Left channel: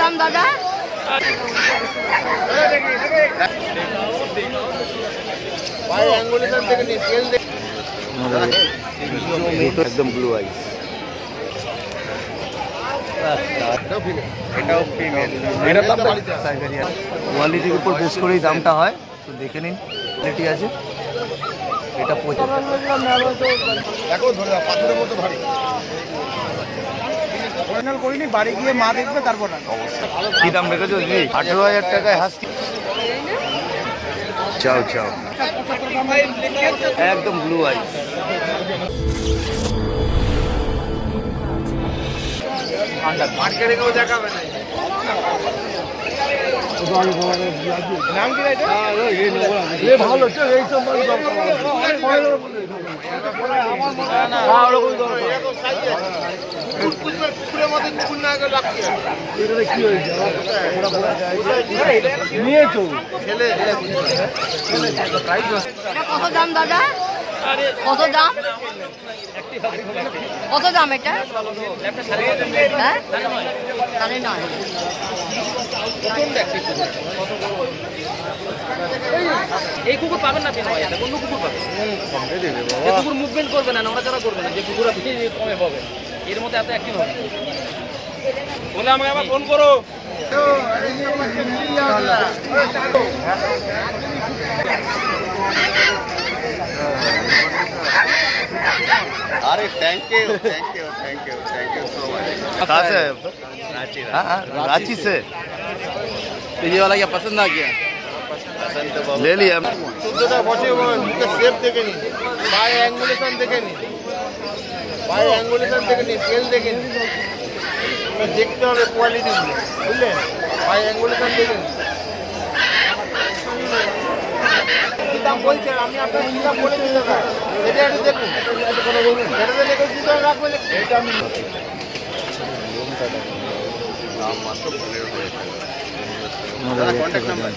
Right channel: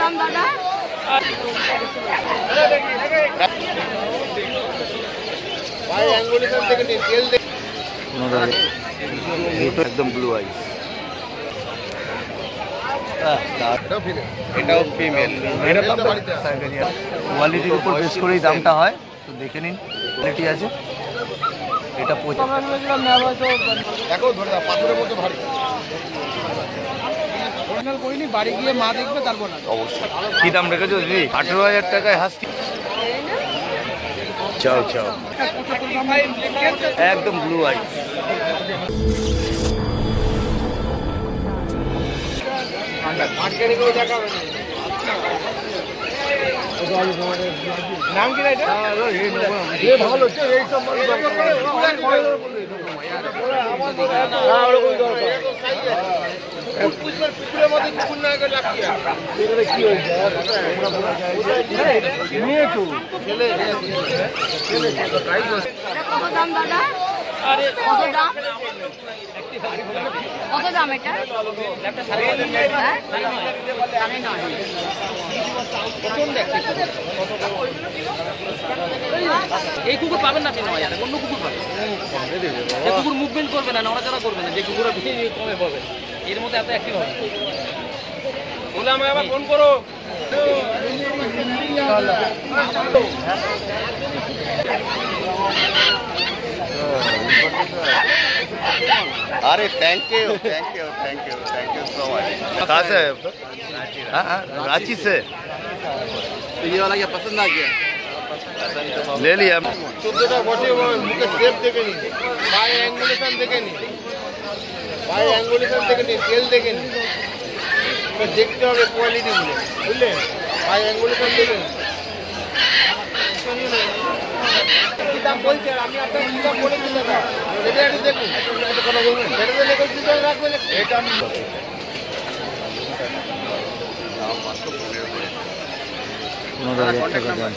দাম দাদা একদম ব্লু আই। কোয়ালিটির উপর বেশ করেই দামটা হয়, তো দেখে নিন কোয়ালিটি আছে। এটা দেখো ধরে দাও, পাথরের মতো ভারী। অরিজিনাল করিনি, বাড়ি গিয়ে মা দেখবে তারপর না। কি দাম রেখেছো দিদি? 18,000 টাকায় হাস্কি। চাও চাও একদম ব্লু আই। মার্কেটে কেউ দেখাবে না। ভালো কুকুরের মধ্যে কুকুর না গেলে লাভ কি ছেলে কত দাম দাদা? কত দাম? কত দাম এটা? এই কুকুর পাবেন না, অন্য কুকুর পাবেন। কুকুর মুভমেন্ট করবে না, নড়াচড়া করবে না, যে কুকুর কমে পাবে। এর মধ্যে এত একই হবে। বলে আমাকে আবার ফোন করো। अरे थैंक यू कहाँ से? हाँ रांची से। ये वाला क्या पसंद आ गया? ले लिया। 14টা বছর মুখে শেপ দেখে নি, পায়ে অ্যাঙ্গুলেশন দেখে নি, তেল দেখে নি। দেখতে হবে কোয়ালিটি গুলো, বুঝলেন? পায়ে অ্যাঙ্গুলেশন দেখে নি। কি দাম বলছেন আপনি? আপনার কি দাম বলেছেন দাদা? এটা একটু দেখুন, সেটাতে দেখুন কি দাম রাখবে। এটা আমি 15,000 টাকা দাম।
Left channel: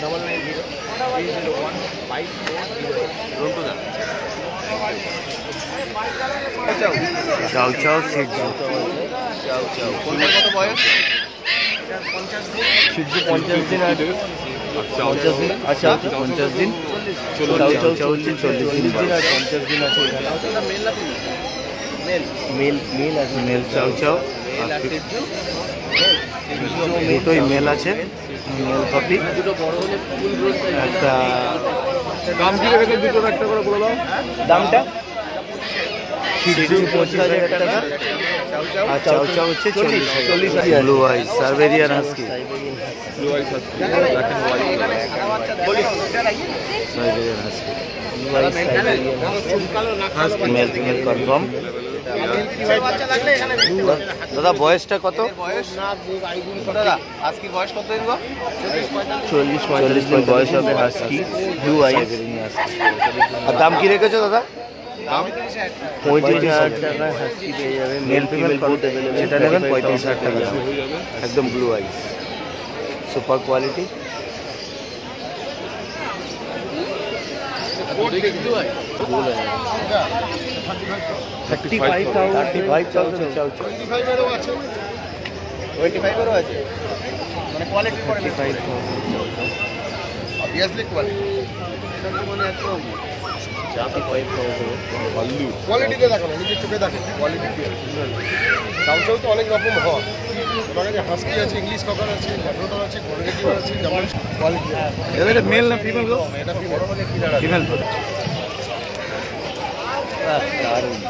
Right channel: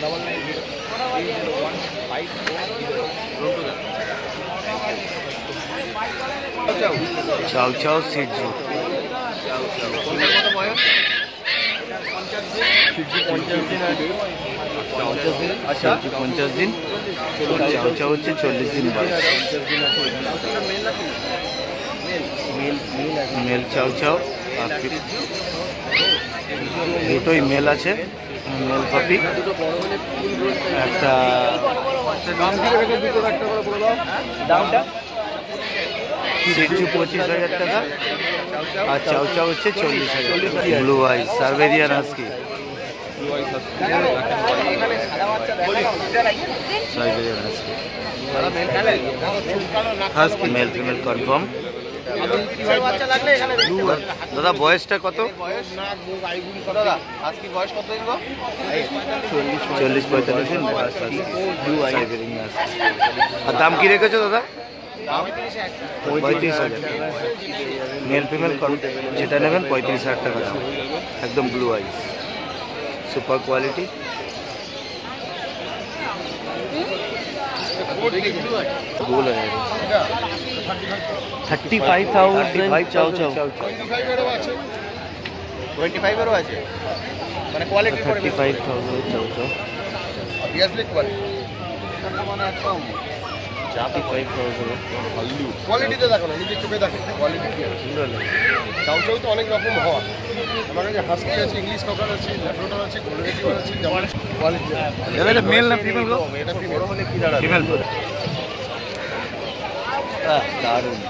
99030154 চাও চাও সিটজু। 50 দিন আচ্ছা 50 দিন। চাও চাও হচ্ছে 40 দিন বয়স। মেল চাও চাও আর দুটোই মেল আছে, মেল কপি। একটা দামটা সিটজু 25,000 টাকা আর চাও চাও হচ্ছে 40,000। Blue eye Siberian husky. Siberian husky male female confirm. দাদা বয়সটা কত? 40-45 আর দাম কি রেখেছো দাদা? 35,000 মেল ফিমেল যেটা নেবেন 35,000 টাকা দাম। একদম ব্লু আই, সুপার কোয়ালিটি। কোয়ালিটিতে দেখো না, নিজের চোখে দেখো কোয়ালিটি কি আছে। চাউ চাউ তো অনেক রকম হয়, ওনার কাছে হাস্কি আছে, ইংলিশ ককার আছে, ল্যাব্রাডর আছে, গোল্ডেন রিট্রিভার আছে, যেমন কোয়ালিটি। এটা মেল না ফিমেল গো? এটা ফিমেল। ফিমেল তো দারুণ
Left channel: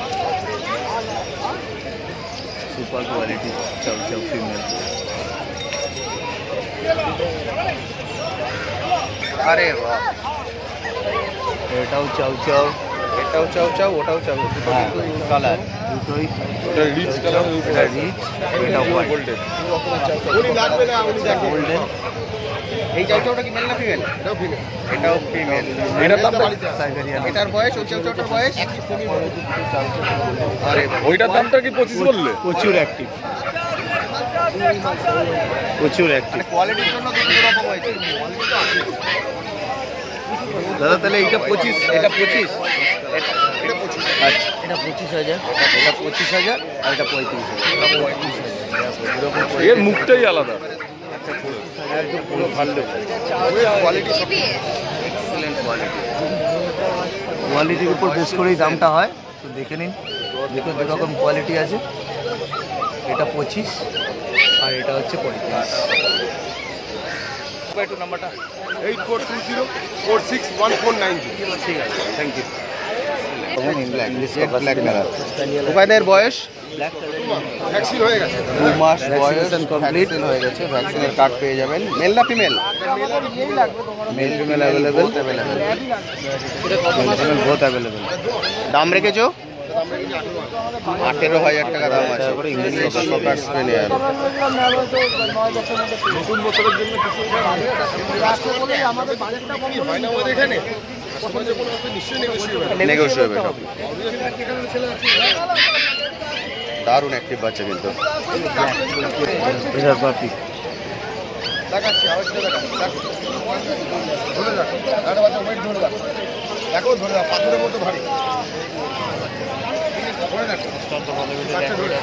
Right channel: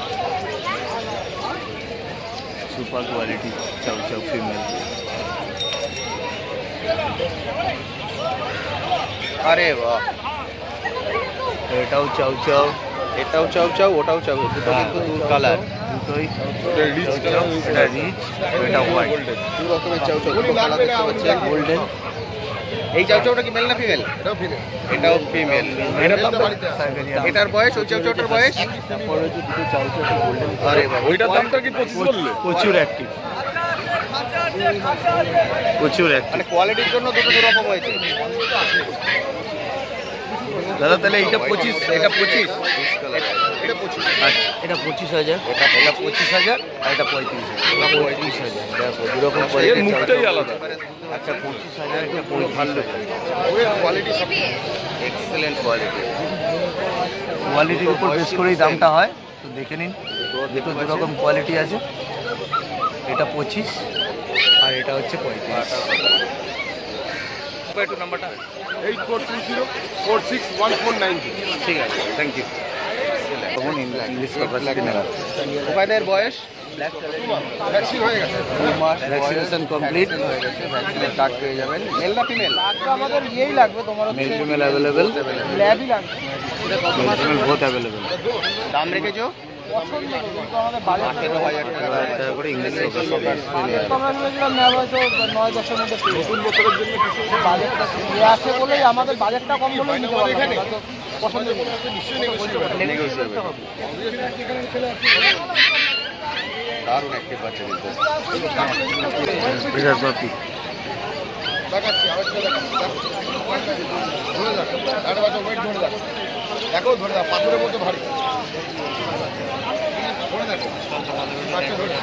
সুপার কোয়ালিটি চাউ চাউ ফিমেল। আরে বাহ, এটাও চাউ চাউ, এটাও চাউ চাউ, ওটাও চাউ। কালার দুটোই চাউ চাউ। এটা রিচ, এটা হোয়াইট। উনি লাগবে না, উনি দেখেন। এই চাউচাউটা কি মেল না ফিমেল? এটাও ফিমেল। এটাও ফিমেল। সাইবেরিয়ান। এটার বয়স, ওই চাউচাউটার বয়স? আরে ওইটার দামটা কি 25 বললে? প্রচুর অ্যাক্টিভ, প্রচুর অ্যাক্টিভ। কোয়ালিটির জন্য দুটো এরকম হয়েছে। দাদা তাহলে এইটা 25, এটা 25, এটা 25। আচ্ছা এটা 25,000, এটা 25,000 আর এটা 35,000। এর মুখটাই আলাদা। আচ্ছা, একদম পুরো ভালো কোয়ালিটি সব এক্সিলেন্ট কোয়ালিটি। কোয়ালিটির উপর বেস করেই দামটা হয়, তো দেখে নিন। দুটো দুরকম কোয়ালিটি আছে, এটা 25 আর এটা হচ্ছে 35। একটু নাম্বারটা 8420461490। ঠিক আছে, থ্যাংক ইউ। তখন ইংলিশ মোবাইলের বয়স ভ্যাকসিন হয়ে গেছে, 2 মাস ভ্যাকসিনেশন কমপ্লিট হয়ে গেছে। ভ্যাকসিনের কার্ড পেয়ে যাবেন। মেল না female? Male female available, male female both available. দাম রেখেছো 18,000 টাকা দাম আছে। করে ইংলিশ এখানে নিশ্চয়ই নেগোশিয়েবল। দারুণ একটি বাচ্চা কিন্তু। প্রেসার পাপি দেখাচ্ছি, আওয়াজটা দেখাচ্ছি। ধরে যাক, একটা বাচ্চা ওয়েট ধরে যাক, দেখো ধরে যাক, পাথরের মতো ভারী। ধরে দেখো বাচ্চা ধরে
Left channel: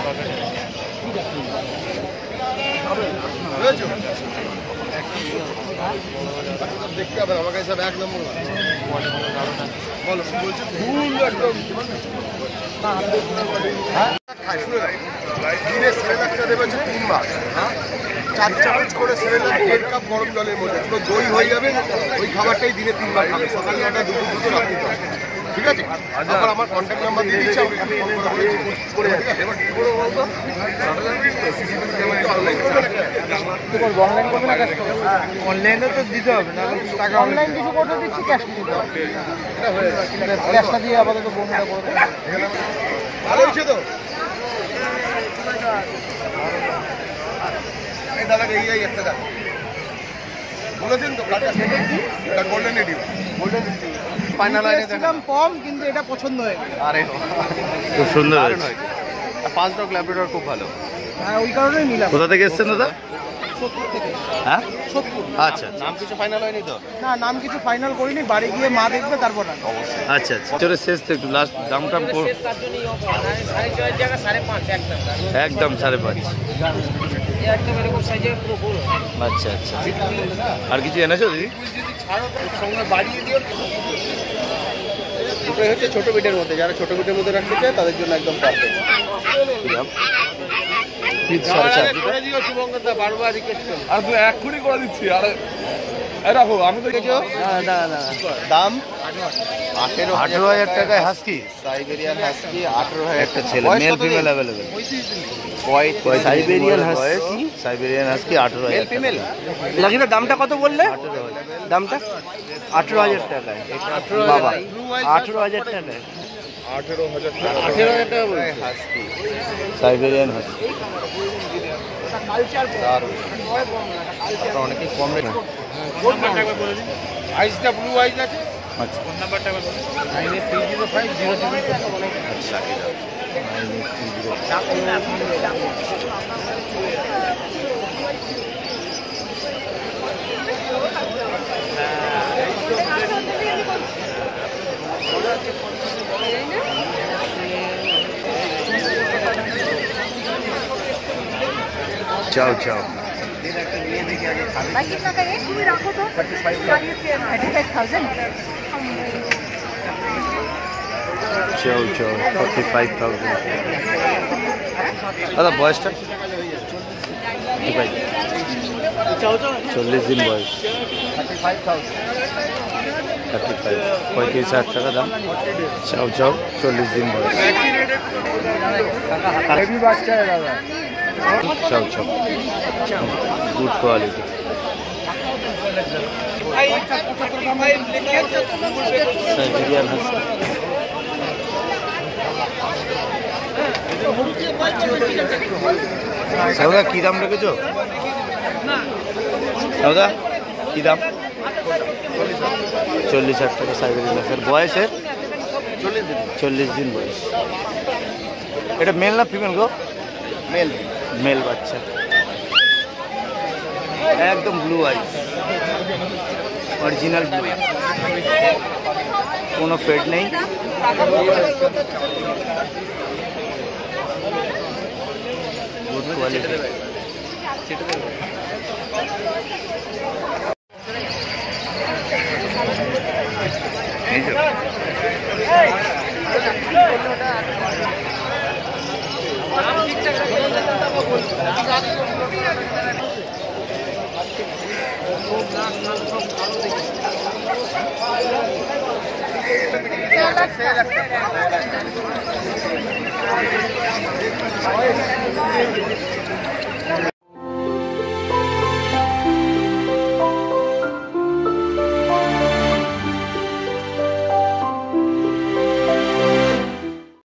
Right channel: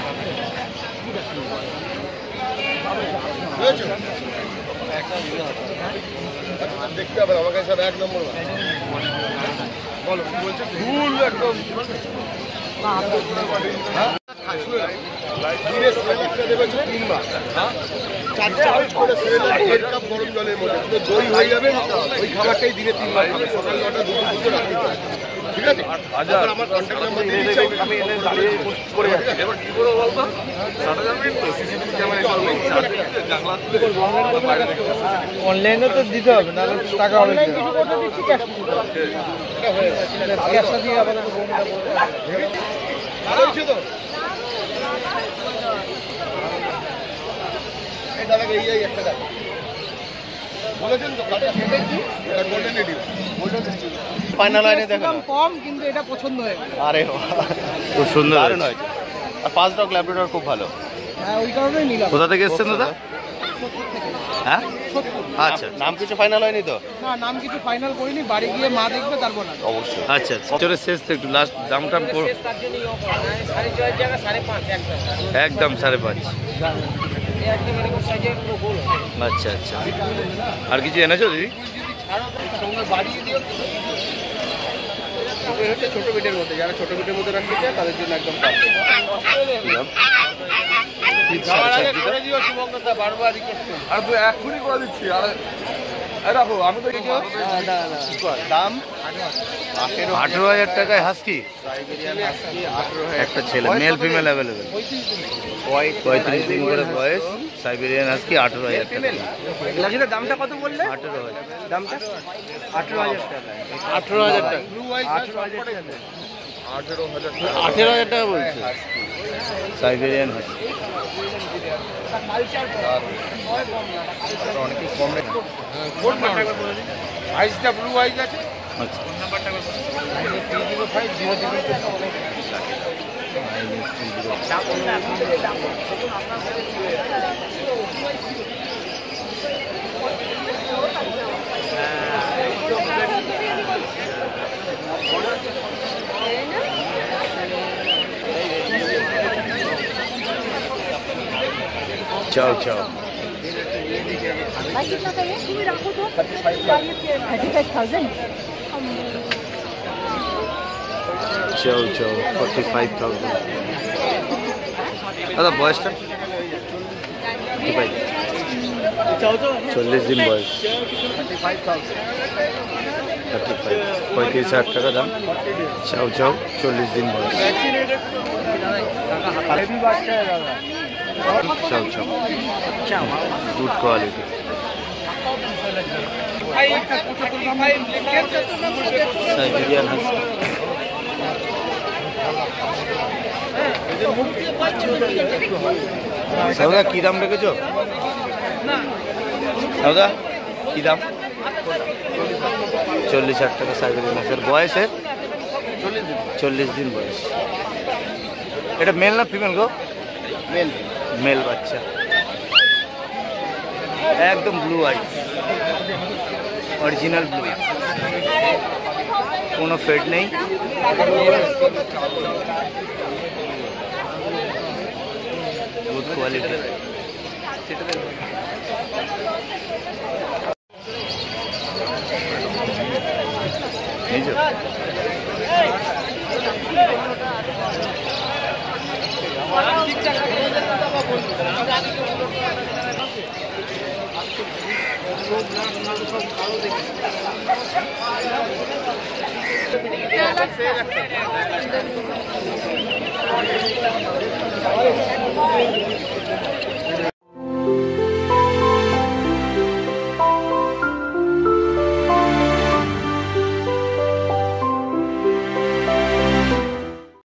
বুঝেছো? বাচ্চাটা দেখতে হবে, আমার কাছে সব 1 নম্বর। বলো কি বলছো? ফুল একদম খায়, শুনে রাখ। দিনে সেরেলাকটা দেবে হচ্ছে 3 মাস। 4 চামচ করে সেরেলাক 1.5 কাপ গরম জলের মধ্যে পুরো দই হয়ে যাবে। ওই খাবারটাই দিনে 3 বার খাবে, সকাল 9টা, দুপুর 2টো, রাত্রি 2টো। ঠিক আছে? তারপর আমার কন্ট্যাক্ট নাম্বার দিয়ে দিচ্ছি, আমি করে দেবো। এবার কি করে বলবো? সিসিটিভি ক্যামেরা অনলাইনে তো দিতে হবে না, টাকা অনলাইন কিছু করতে দিচ্ছি, ক্যাশ ক্যাশটা দিয়ে আপাতত বন্ধটা করবে। ভালো হয়েছে তো? এই দাদাকে এই একটা দেখ বলেছেন তো, কাটা গোল্ডেন রেডিও, গোল্ডেন ফাইনাল লাইনে দেখলাম কম, কিন্তু এটা পছন্দ হয়ে গেল। আরে খুব সুন্দর হয়েছে। আর 5 ডগ ল্যাবরেটর খুব ভালো। হ্যাঁ, ওই কারণেই নিলাম। কোথা থেকে এসছেন দাদা? হ্যাঁ, আচ্ছা নাম কিছু ফাইনাল হয়নি তো? না, নাম কিছু ফাইনাল করিনি, বাড়ি গিয়ে মা দেখবে তারপর না। আচ্ছা আচ্ছা, চলে শেষ তো, একটু লাস্ট দামটা একদম 5.5। আচ্ছা আচ্ছা, আর কিছু এনেছো দিদি? এটা হচ্ছে ছোট বিটের মধ্যে, যারা ছোট বিটের মধ্যে রাখতে চায় তাদের জন্য একদম পারফেক্ট। কি দাম? বারবার রিকোয়েস্ট আর তুই এক্ষুনি করে দিচ্ছি। আরে রাখো, আমি তো দাম 18,000 টাকায় হাস্কি, সাইবেরিয়ান হাস্কি 18,000 একটা ছেলে, মেল ফিমেল অ্যাভেলেবেল। 35 দিন করে বয়স, সাইবেরিয়ান হাস্কি 18,000 টাকা। লাকিটা দামটা কত বললে? 18,000 দামটা 18,000 টাকায়। 18,000 টাকা। 18,000 টাকায়। 18,000 টাকা বলছে। Siberian husky. অনেকে কম রেট। আইসটা ব্লু আইস আছে। আচ্ছা, 930। चाओ चाओ, भाई कितना का है? तुम रखो तो 35,000। चाओ चाओ 45,000। দাদা বয়সটা 40 দিন বয়স, 35, 35,000 টাকা দাম। চাও চাও 40 দিন বয়স। Chow chow good quality. Siberian husky. সৌদা কি দাম রেখেছো? সৌদা কি দাম? 40,000 টাকা সাইবেরিয়ান হাস্কি। বয়সের 40 দিন বয়স। এটা মেল না ফিমেল গো? মেল। মেল বাচ্চা, একদম ব্লু আইস, অরিজিনাল ব্লু, কোনো ফেড নেই। Good quality. Thank you.